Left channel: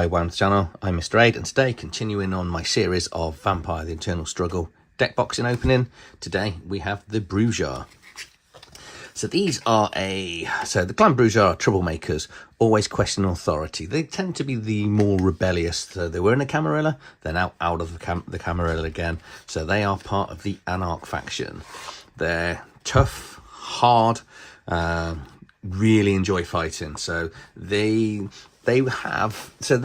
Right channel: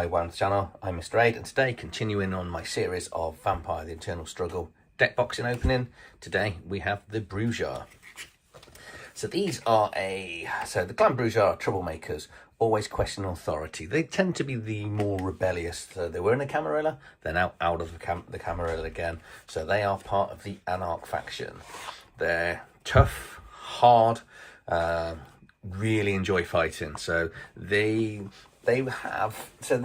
Hi, welcome to the channel. I'm Mr. Aid, and today, continuing on my series of Vampire the Eternal Struggle deck boxing opening, today we have the Brujah. So these are the Clan Brujah are troublemakers, always question authority. They tend to be the more rebellious. So they were in a Camarilla, they're now out of the Camarilla again. So they are part of the Anarch faction. They're tough, hard, really enjoy fighting. So their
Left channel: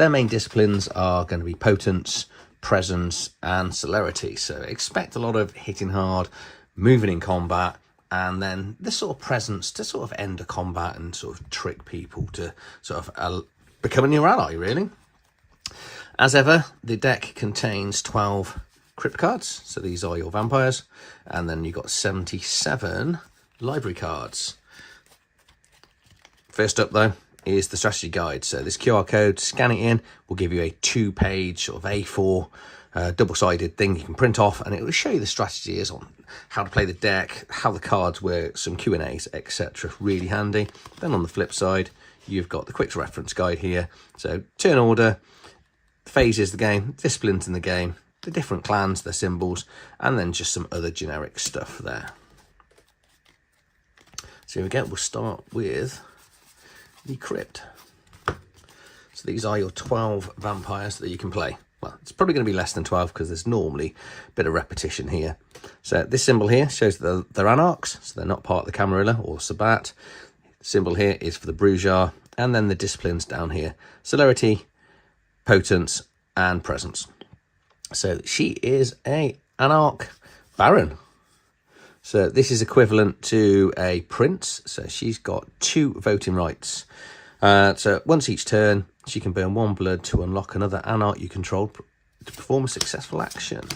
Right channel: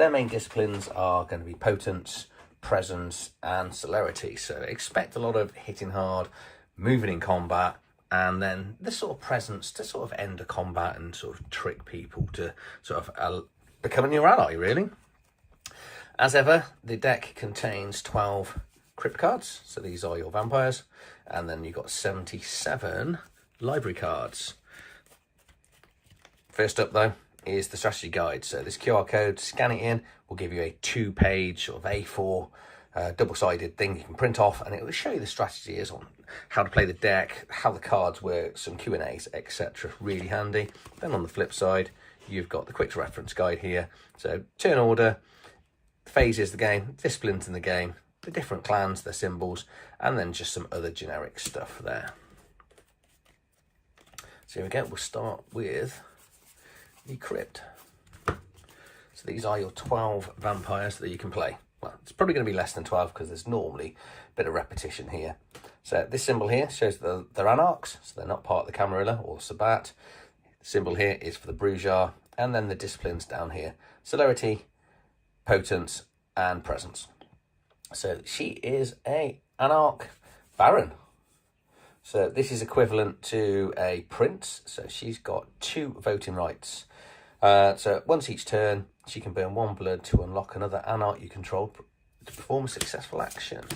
main disciplines are going to be potence, presence, and celerity. So expect a lot of hitting hard, moving in combat, and then the sort of presence to sort of end a combat and sort of trick people to sort of become a new ally, really. As ever, the deck contains 12 Crypt cards. So these are your vampires. And then you've got 77 library cards. First up, though, is the strategy guide. So this QR code, scan it in, will give you a 2-page sort of A4 double-sided thing you can print off, and it will show you the strategies on how to play the deck, how the cards work, some Q&As, etc. Really handy. Then on the flip side, you've got the quick reference guide here. So turn order, phases of the game, disciplines in the game, the different clans, their symbols, and then just some other generic stuff there. So here we go. We'll start with the Crypt. So these are your 12 vampires that you can play. Well, it's probably going to be less than 12 because there's normally a bit of repetition here. So this symbol here shows that they're Anarchs, so they're not part of the Camarilla or Sabbat. The symbol here is for the Brujah, and then the disciplines down here: celerity, potence, and presence. So she is a Anarch Baron. So this is equivalent to a prince. So she's got 2 voting rights. So once each turn, she can burn 1 blood to unlock another Anarch you control to perform a successful action.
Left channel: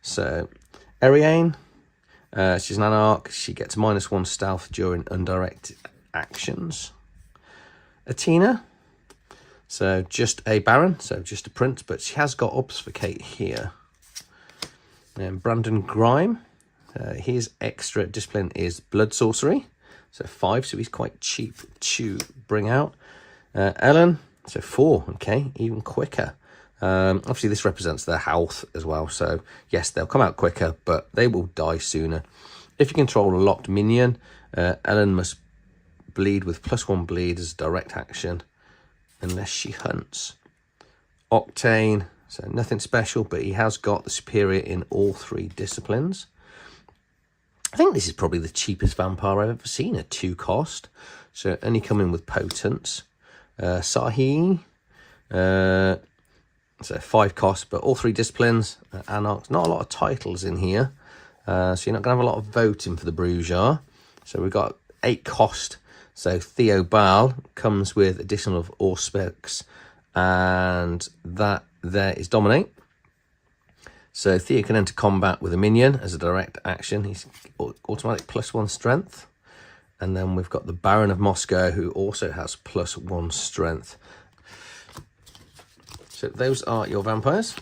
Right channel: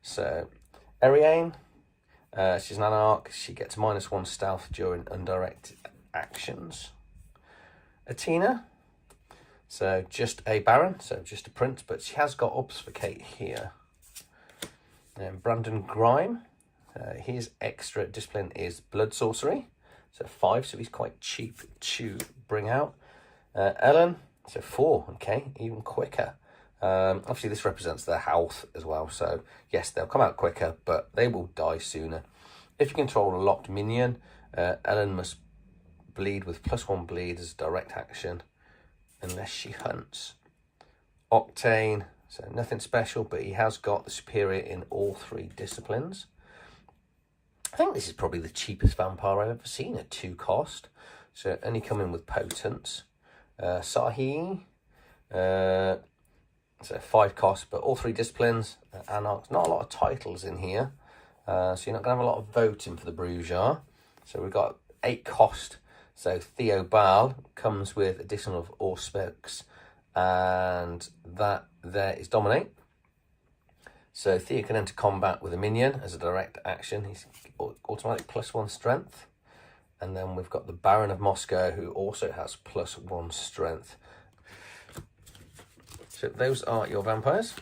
So Ariane, she's an Anarch. She gets -1 stealth during undirected actions. Athena, so just a Baron, so just a prince, but she has got obfuscate here. And Brandon Grime, his extra discipline is blood sorcery, so 5, so he's quite cheap to bring out. Ellen, so 4, okay, even quicker. Obviously this represents their health as well, so yes, they'll come out quicker, but they will die sooner. If you control a locked minion, Ellen must bleed with +1 bleed as a direct action unless she hunts. Octane, so nothing special, but he has got the superior in all 3 disciplines. I think this is probably the cheapest vampire I've ever seen at 2 cost. So only coming with potence. Sahi, so 5 cost, but all 3 disciplines. Anarchs, not a lot of titles in here. So you're not going to have a lot of voting for the Brujah. So we've got 8 cost. So Theo Baal comes with additional of Auspex, and that there is Dominate. So Theo can enter combat with a minion as a direct action. He's automatic +1 strength. And then we've got the Baron of Moscow, who also has +1 strength. So those are your vampires.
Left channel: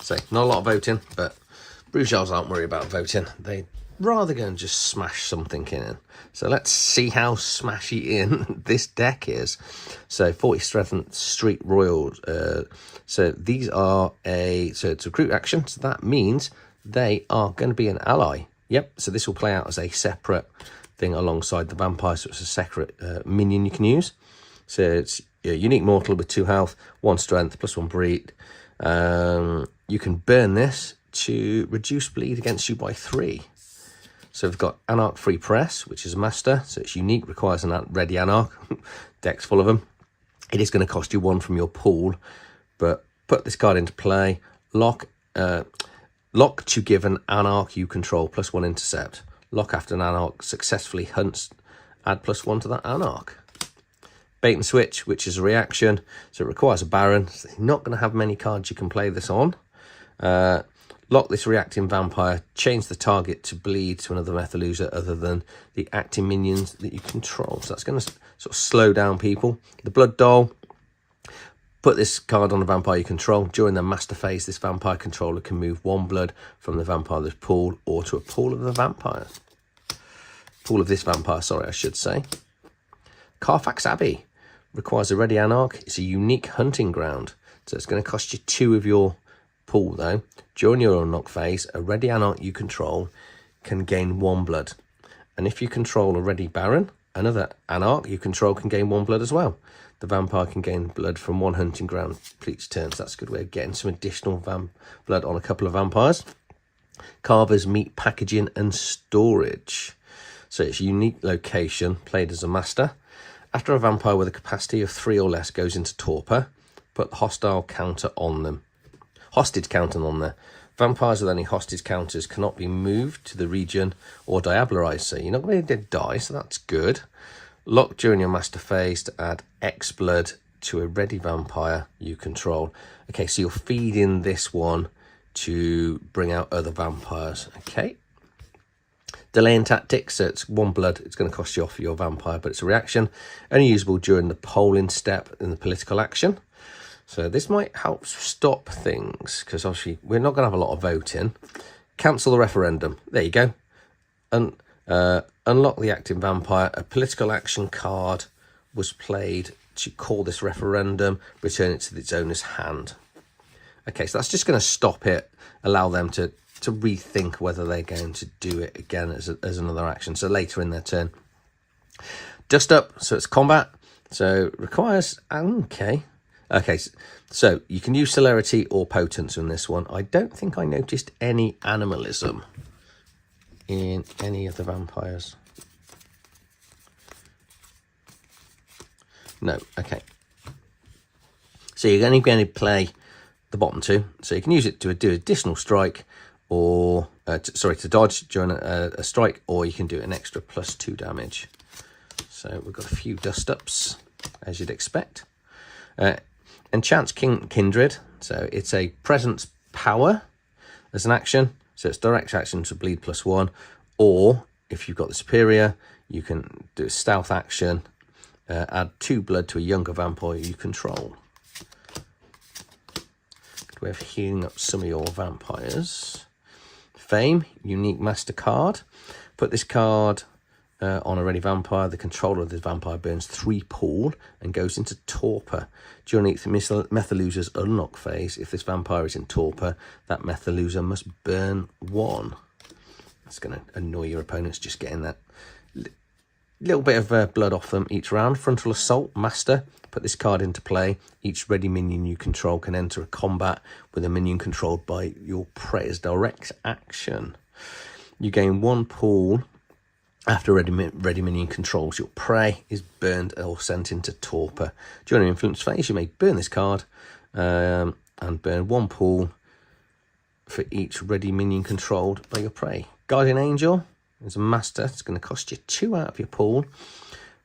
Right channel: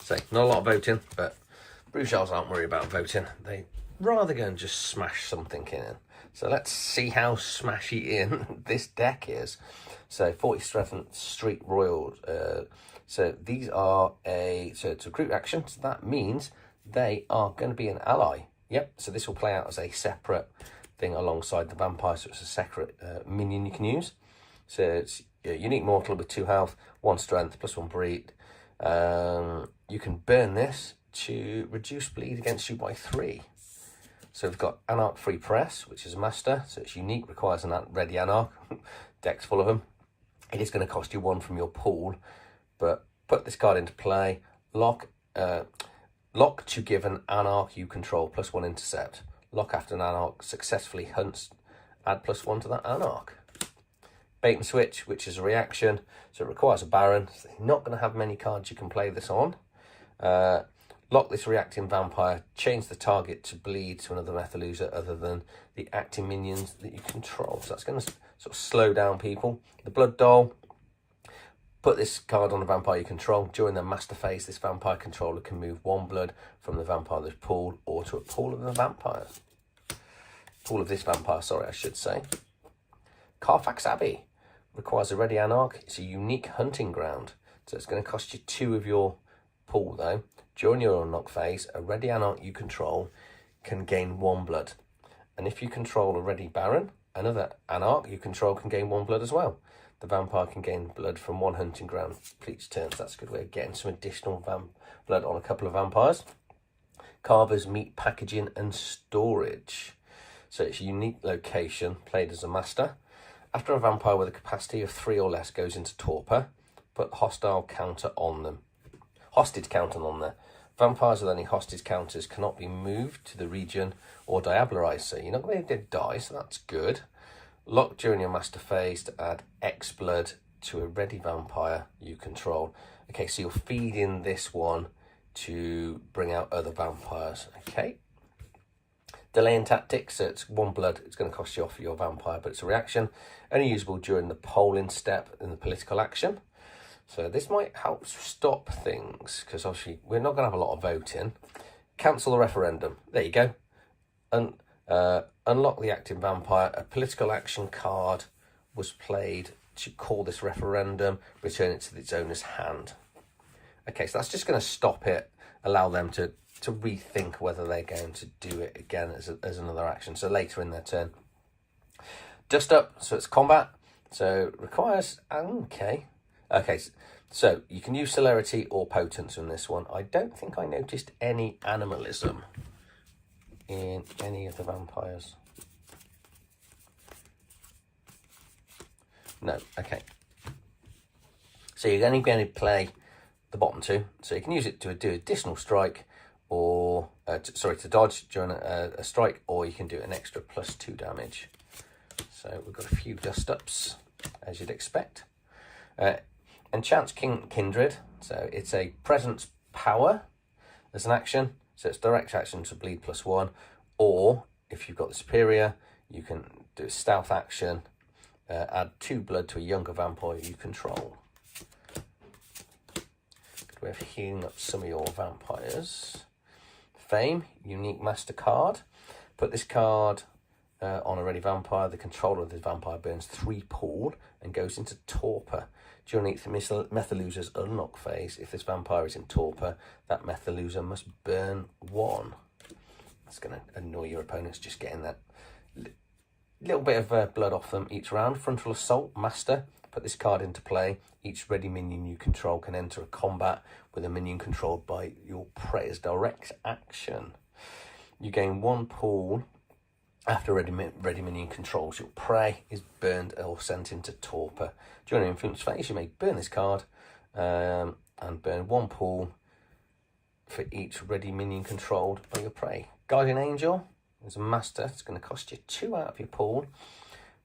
So not a lot of voting, but Brujahs aren't worried about voting. They rather go and just smash something in. So let's see how smashy in this deck is. So 40 strength Street Royals. So these are so it's a recruit action. So that means they are going to be an ally. Yep. So this will play out as a separate thing alongside the vampire. So it's a separate minion you can use. So it's a unique mortal with 2 health, 1 strength, +1 bleed. You can burn this to reduce bleed against you by 3. So we've got Anarch Free Press, which is a master. So it's unique, requires an ready Anarch. Deck's full of them. It is going to cost you 1 from your pool, but put this card into play. Lock to give an Anarch you control +1 intercept. Lock after an Anarch successfully hunts, add +1 to that Anarch. Bait and switch, which is a reaction. So it requires a Baron. So you're not going to have many cards you can play this on. Lock this reacting vampire, change the target to bleed to another Methaluser other than the acting minions that you control. So that's going to sort of slow down people. The Blood Doll, put this card on a vampire you control. During the master phase, this vampire controller can move 1 blood from the vampire's pool or to a pool of the vampire. Pool of this vampire, sorry, I should say. Carfax Abbey. Requires a ready anarch. It's a unique hunting ground. So it's going to cost you 2 of your pool though. During your unlock phase, a ready anarch you control can gain 1 blood. And if you control a ready baron, another anarch you control can gain 1 blood as well. The vampire can gain blood from 1 hunting ground for each turn. So that's a good way of getting some additional blood on a couple of vampires. Carver's meat packaging and storage. So it's a unique location, played as a master. After a vampire with a capacity of 3 or less goes into torpor, put the hostile counter on them. Hostage counter on there. Vampires with any hostage counters cannot be moved to the region or diablerized. So you're not going to die, so that's good. Lock during your master phase to add X blood to a ready vampire you control. Okay, so you're feeding this one to bring out other vampires. Okay. Delaying tactics, so it's 1 blood. It's going to cost you off your vampire, but it's a reaction. Only usable during the polling step in the political action. So this might help stop things, because obviously we're not going to have a lot of voting. Cancel the referendum. There you go. And unlock the acting vampire. A political action card was played to call this referendum. Return it to its owner's hand. Okay, so that's just going to stop it. Allow them to rethink whether they're going to do it again as another action. So later in their turn. Dust up. So it's combat. So requires... Okay. Okay, so you can use celerity or potence in this one. I don't think I noticed any animalism in any of the vampires. No, okay. So you're only going to play the bottom 2. So you can use it to do additional strike or, to dodge during a strike, or you can do an extra +2 damage. So we've got a few dust ups, as you'd expect. Enchants Kindred, so it's a presence power as an action, so it's direct action to bleed +1, or if you've got the superior, you can do a stealth action, add 2 blood to a younger vampire you control. Good way of healing up some of your vampires. Fame, unique master card. Put this card on a ready vampire. The controller of this vampire burns 3 pool and goes into torpor. During the Methaluser's unlock phase, if this vampire is in torpor, that Methaluser must burn 1. That's going to annoy your opponents, just getting that little bit of blood off them each round. Frontal Assault, Master. Put this card into play. Each ready minion you control can enter a combat with a minion controlled by your prey as direct action. You gain 1 pool. After ready minion controls your prey is burned or sent into torpor. During an influence phase, you may burn this card and burn 1 pool for each ready minion controlled by your prey. Guardian Angel is a master. It's going to cost you 2 out of your pool.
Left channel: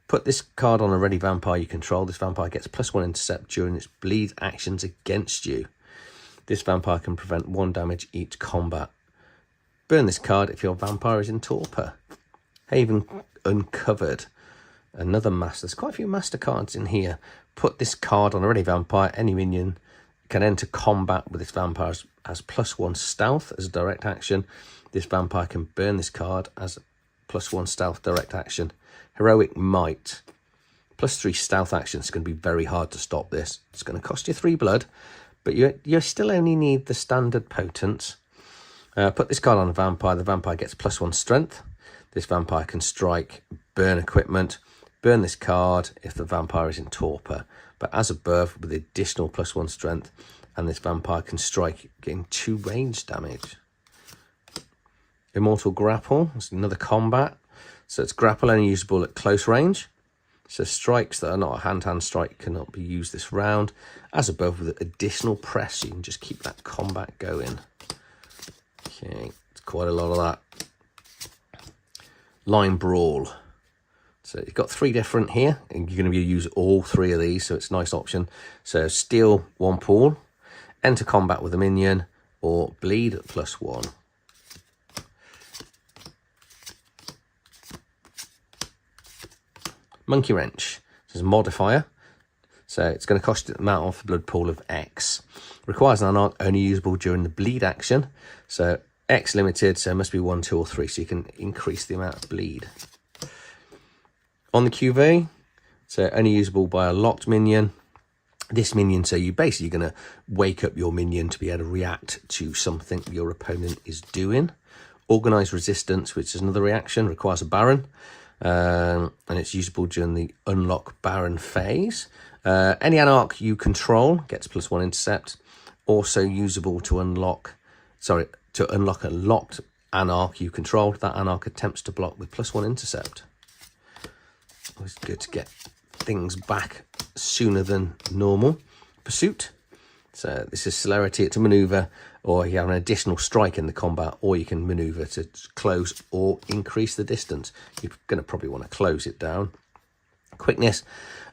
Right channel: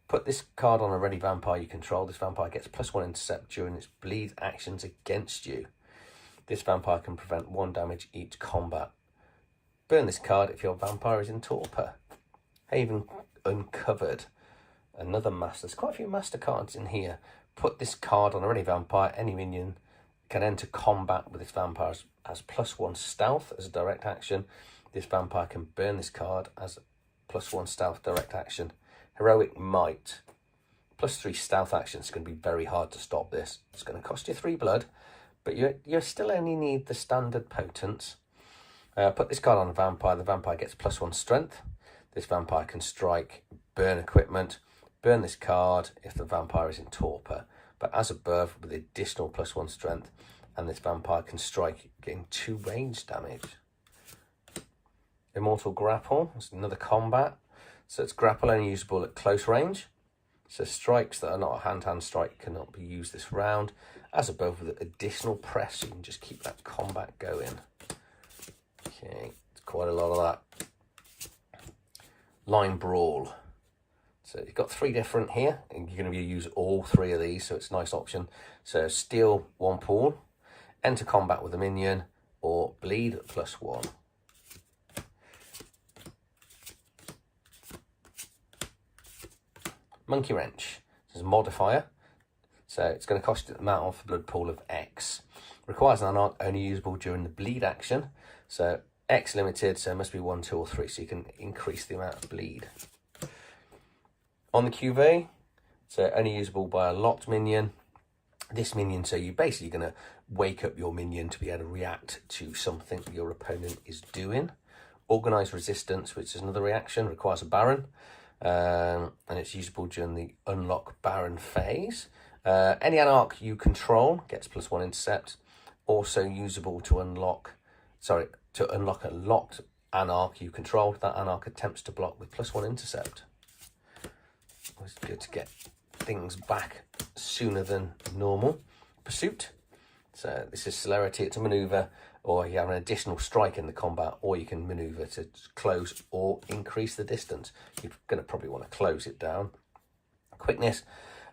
Put this card on a ready vampire you control. This vampire gets +1 intercept during its bleed actions against you. This vampire can prevent 1 damage each combat. Burn this card if your vampire is in torpor. Haven Uncovered, another master. There's quite a few master cards in here. Put this card on a ready vampire. Any minion can enter combat with this vampire as +1 stealth as a direct action. This vampire can burn this card as +1 stealth direct action. Heroic Might, +3 stealth action. It's going to be very hard to stop this. It's going to cost you 3 blood, but you still only need the standard potence. Put this card on a vampire. The vampire gets +1 strength. This vampire can strike, burn equipment, burn this card if the vampire is in torpor. But as above, with additional +1 strength, and this vampire can strike, getting 2 range damage. Immortal Grapple, it's another combat. So it's grapple only usable at close range. So strikes that are not a hand-to-hand strike cannot be used this round. As above, with additional press, you can just keep that combat going. Okay, it's quite a lot of that. Line Brawl. So you've got 3 different here, and you're going to use all 3 of these, so it's a nice option. So steal 1 pool, enter combat with a minion, or bleed +1. Monkey Wrench. This is a modifier, so it's going to cost the amount of blood pool of X. Requires an anarch, only usable during the bleed action. So X limited, so it must be 1, 2, or 3, so you can increase the amount of bleed. On the QV, So only usable by a locked minion. This minion, so you're basically going to wake up your minion to be able to react to something your opponent is doing. Organized resistance, which is another reaction, requires a Baron, and it's usable during the unlock Baron phase. Any Anarch you control gets +1 intercept. Also usable to unlock a locked Anarch you control. That Anarch attempts to block with +1 intercept. Always good to get things back sooner than normal. Pursuit. So this is celerity to maneuver, or you have an additional strike in the combat, or you can maneuver to close or increase the distance. You're going to probably want to close it down. Quickness.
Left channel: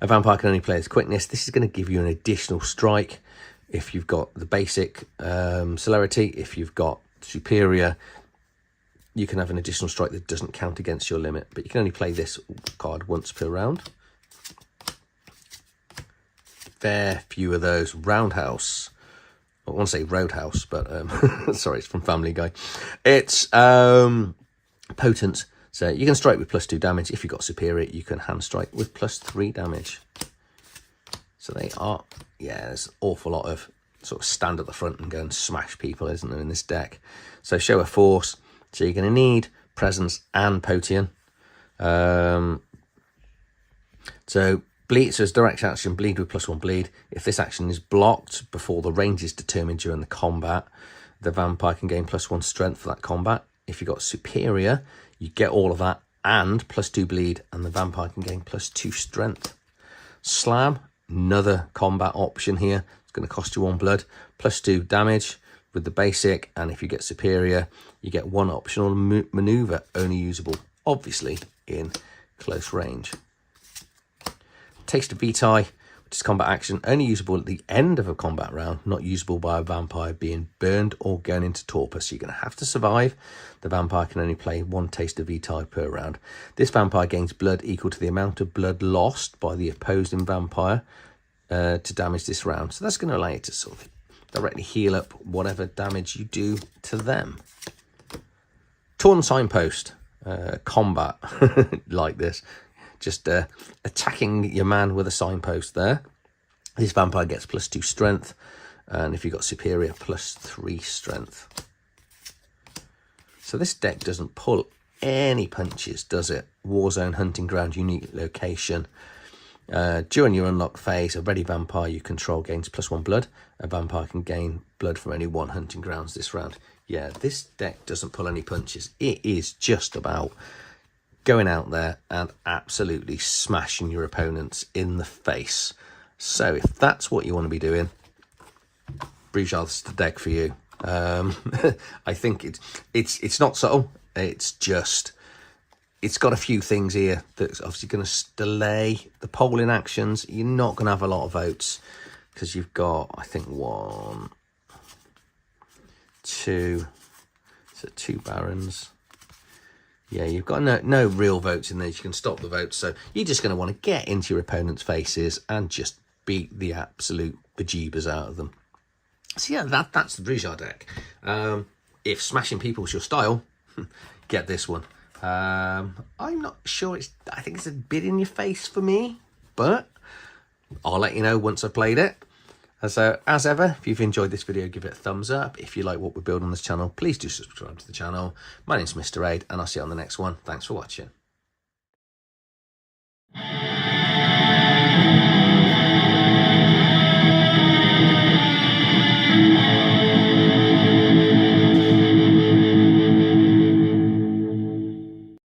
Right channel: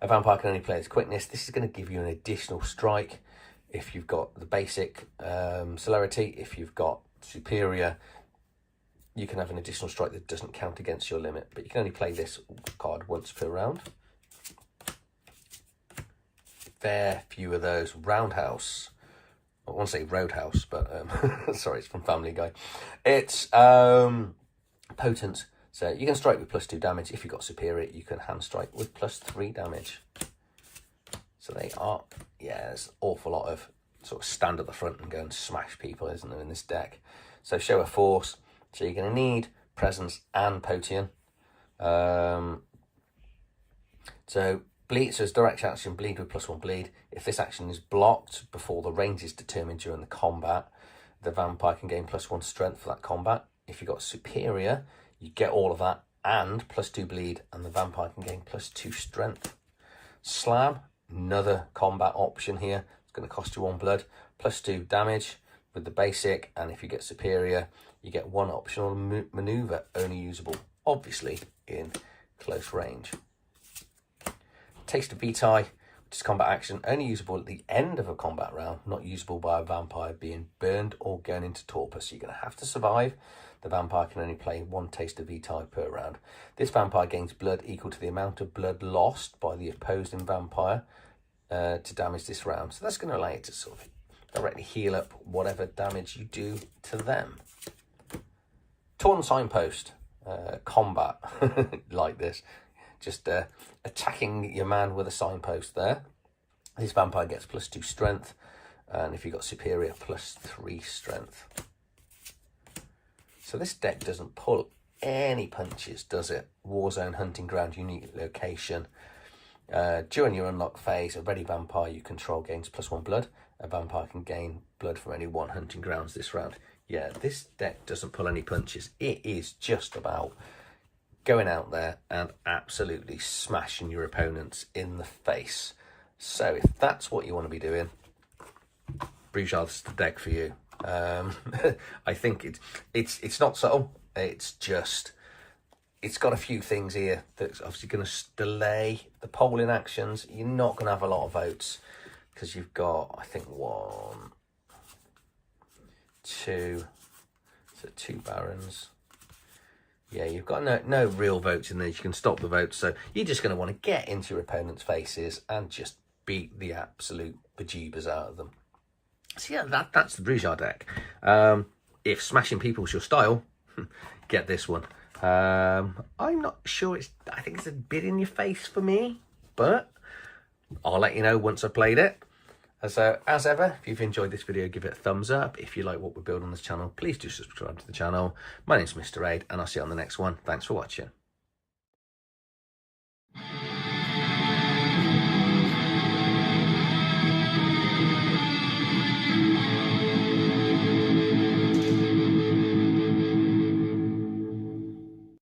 A vampire can only play as quickness. This is going to give you an additional strike if you've got the basic celerity. If you've got superior, you can have an additional strike that doesn't count against your limit, but you can only play this card once per round. Fair few of those. Roundhouse. I want to say Roadhouse, but sorry, it's from Family Guy. It's potent, so you can strike with +2 damage. If you've got superior, you can hand strike with +3 damage. So they are, yeah, there's an awful lot of sort of stand at the front and go and smash people, isn't there, in this deck? So show of force. So you're going to need presence and potion. So bleed, so it's direct action, bleed with +1 bleed. If this action is blocked before the range is determined during the combat, the vampire can gain +1 strength for that combat. If you've got superior, you get all of that and +2 bleed, and the vampire can gain +2 strength. Slam, another combat option here. It's going to cost you 1 blood, +2 damage with the basic, and if you get superior, you get 1 optional maneuver, only usable, obviously, in close range. Taste of VtES, which is combat action, only usable at the end of a combat round, not usable by a vampire being burned or going into torpor. So you're going to have to survive. The vampire can only play 1 taste of VtES per round. This vampire gains blood equal to the amount of blood lost by the opposing vampire to damage this round. So that's going to allow you to sort of directly heal up whatever damage you do to them. Torn Signpost, combat like this. Just attacking your man with a signpost there. This vampire gets +2 strength, and if you've got superior, +3 strength. So this deck doesn't pull any punches, does it? Warzone, hunting ground, unique location. During your unlock phase, a ready vampire you control gains +1 blood. A vampire can gain blood from only 1 hunting grounds this round. Yeah, this deck doesn't pull any punches. It is just about going out there and absolutely smashing your opponents in the face. So if that's what you want to be doing, Brujah's the deck for you. I think it's not subtle. It's just, it's got a few things here that's obviously going to delay the polling actions. You're not going to have a lot of votes because you've got, I think, 1, 2, so 2 barons. Yeah, you've got no real votes in there. You can stop the votes. So you're just going to want to get into your opponent's faces and just beat the absolute bejeebers out of them. So yeah, that's the Brujah deck. If smashing people is your style, get this one. I'm not sure I think it's a bit in your face for me, but I'll let you know once I've played it. So as ever, if you've enjoyed this video, give it a thumbs up. If you like what we build on this channel, please do subscribe to the channel. My name's Mr. Aid, and I'll see you on the next one. Thanks for watching.